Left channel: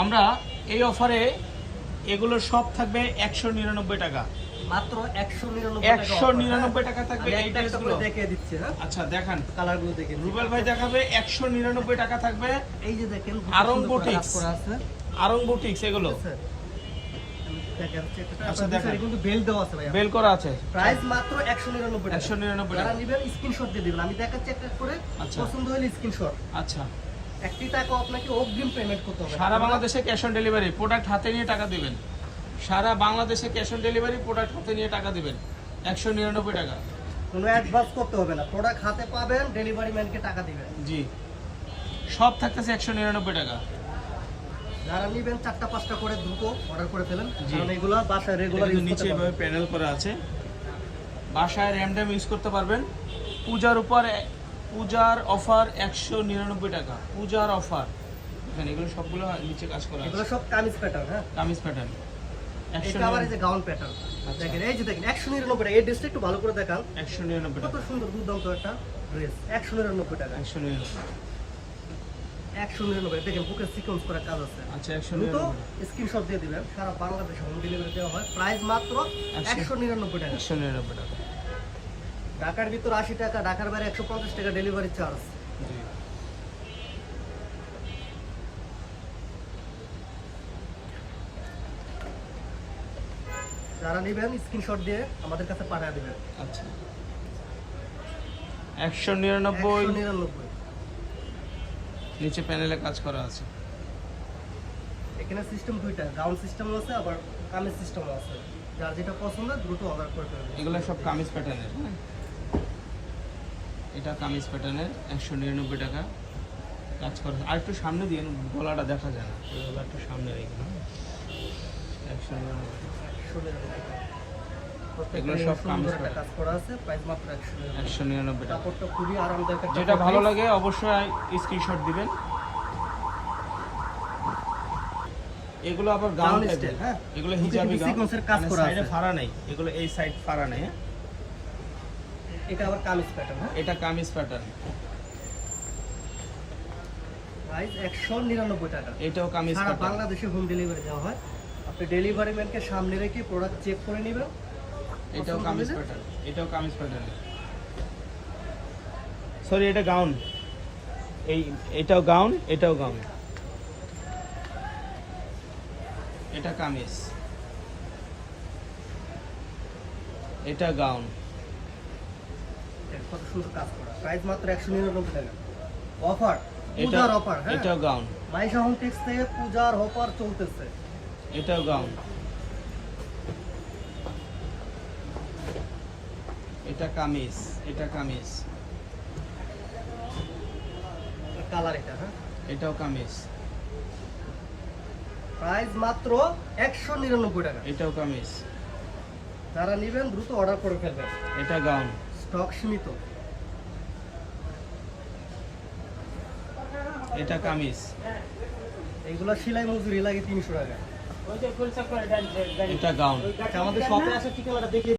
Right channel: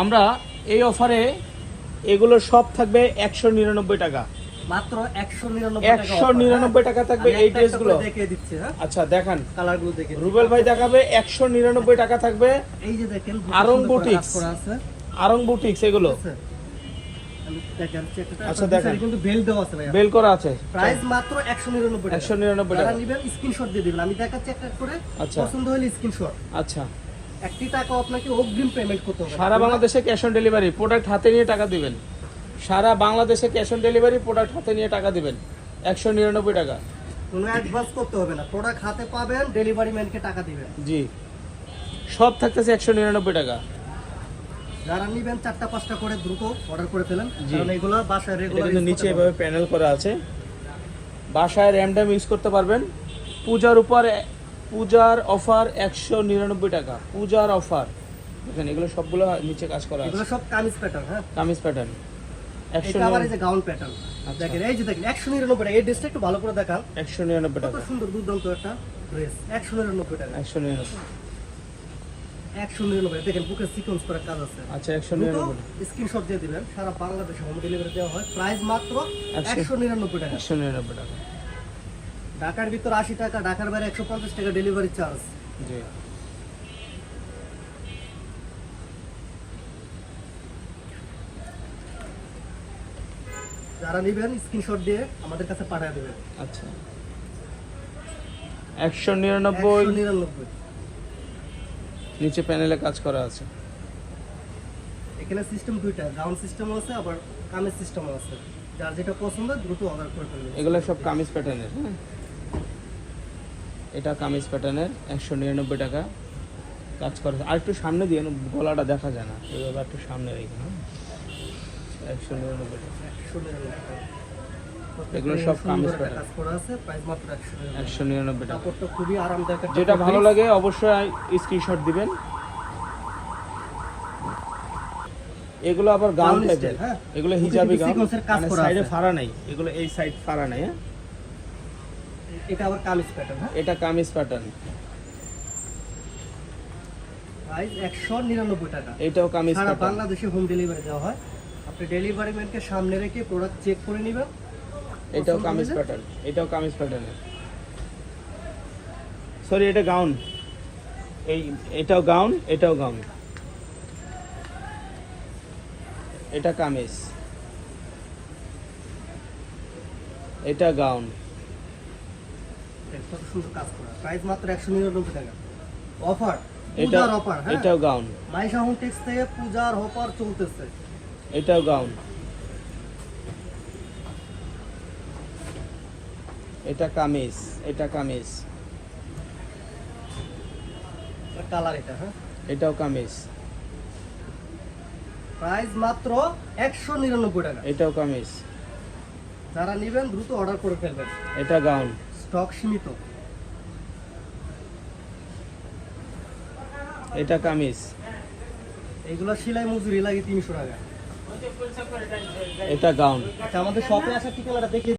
আমরা এই অফারে এগুলো সব থাকবে 199 টাকা, মাত্র 199 টাকা। 199 টাকা থাকবে এই ড্রেসগুলো। দেখিয়ে দিচ্ছি। হ্যাঁ, আচ্ছা দেখান, কালারগুলো দেখে রুবেল ভাই দেখাবে। 199 টাকা থাকবে। এই যে দেখেন আরং বুটিক্স, আরং বুটিক্স এগুলো। আমি দেখাচ্ছি একটা। আচ্ছা দেখেন, কিন্তু বেল দেওয়া আছে ভাই, বেল করা আছে। প্রাইস মাত্র 199 টাকা। 199 যারা টাকা। নেবেন স্ক্রিনশট দিয়ে দিবেন, আমি দেখাচ্ছি একটা করে। আচ্ছা। পছন্দ হলে স্ক্রিনশট। আচ্ছা, একটি টাকা আপনাকে অগ্রিম পেমেন্ট করতে হবে। সারা বাংলাদেশে ক্যাশ অন ডেলিভারি, প্রোডাক্ট হাতে নিয়ে টাকা দিবেন। সারা বাংলাদেশে ক্যাশ অন ডেলিভারি, প্রোডাক্ট হাতে নিয়ে টাকা দিবেন। 199 টাকা। কোনো অ্যাডভান্স করতে হবে না, প্রোডাক্ট হাতে পাবেন, ডেলিভারি ম্যানকে টাকা দিবেন। জি, সব থাকতেছে 199 টাকা। যারা নেবেন 4টা-5টা করে দ্রুত অর্ডার করে ফেলেন, কারণ এগুলো বাসায় রেগুলার কিন্তু নিচে এভাবে প্যানেল করা আছে, বাসায় র্যামডাম ইউজ করতে পারবেন। পূজার পূজার অফার 199 টাকা, পূজার অফার। দেখেন এগুলো সবগুলো নিচে কাজ করা আছে, এগুলো সব কামিজ প্যাটার্ন। হ্যাঁ, কামিজ প্যাটার্ন। এটা আবার এই যে গাউন প্যাটার্ন। দেখেন এই যে দেখেন 199 টাকা। এই ড্রেসটা একটু ভালো করে দেখান, 199 কত টাকা। সুন্দর দুর্দান্ত একটা ড্রেস। 199 টাকা। 199। 199। দেখেন বুকে সিকোয়েন্স করা কাজ আছে। আচ্ছা, দ্রুত 199। স্ক্রিনশট দিয়ে দিবেন, সারা বাংলাদেশে হোম ডেলিভারি দেওয়া হয়। প্রাইস মাত্র 199 টাকা। 199 টাকা। ঢাকার ভিতর 80 টাকা, ঢাকার বাইরে 150 টাকা ডেলিভারি চার্জ। জি। যারা নেবেন স্ক্রিনশট দিয়ে আমাদের কাছে পাঠিয়ে দিবেন। আচ্ছা, 199। 199। নিচে প্যানেলে কাজ করা আছে। এখানে সিস্টেম দুইটা, গাউন সিস্টেমও আছে, আবার কামিজ সিস্টেমও আছে। যার যেটা পছন্দ দ্রুত অর্ডার করে ফেলবেন। এগুলো সব কামিজ প্যাটার্নের। হ্যাঁ, এটা কামিজ প্যাটার্নের 199 টাকা কাজ করা আছে। আর একটু সামনে দিয়ে, গলাটা দেখা যায় না, এইভাবে একটু সামনে রেখে। 199 টাকা। 199 টাকা। এগুলো প্রত্যেকটা সব সুন্দর কামিজ একটা কাজ করা আছে, প্রাইস মাত্র 199। 199 টাকা। কাপড়টা খুবই আরামদায়ক একটা যেটা ভালো fabric। লাগে অবশ্যই স্ক্রিনশট দিবেন। এগুলো আবার গাউন Gown টাইপের। style, হ্যাঁ। এগুলো হিজাবি গাউন, সিকোয়েন্সের কাজ করা সাইডে আছে। ফাড়া নাই, এগুলো এই সাইড ফাড়া নাই। হ্যাঁ, এটা আবার কামিজ প্যাটার্ন। হ্যাঁ, এটা কামিজ প্যাটার্ন। প্রাইস 199 টাকা। এটাও কামিজ সারা প্যাটার্ন। বাংলাদেশে হোম ডেলিভারি দেওয়া হয়। আপনি ডেলিভারি ম্যানকে সামনে রেখে প্রোডাক্ট চেক করে নেবেন। এটাও পছন্দ কামিজ হলে প্যাটার্ন, এটাও কামিজ প্যাটার্ন। সরি, এটা গাউন। এটাও গাউন, এটাও গাউন। এটা কামিজ, এটা গাউন। কত সুন্দর কাজ করা। প্রাইস মাত্র 199 টাকা। অফার, এটা পূজার অফার। হ্যাঁ, এটাও গাউন, মাইশা হোম টেক্স থেকে পূজার অফার চলতেছে। এটাও গাউন। এটা কামিজ, এটা কামিজ। কালার এটা। হ্যাঁ, এটাও কামিজ, প্রাইস মাত্র 199 টাকা। এটাও কামিজ। যারা নেবেন দ্রুত অর্ডার করে ফেলবেন, এটা গাউন। স্টক সীমিত। এটা কামিজ। এইগুলো সেলাই মজুরি লাগে 300 টাকা। এটা গাউন। আমাদের শপে আসার ঠিকানাটা দেখে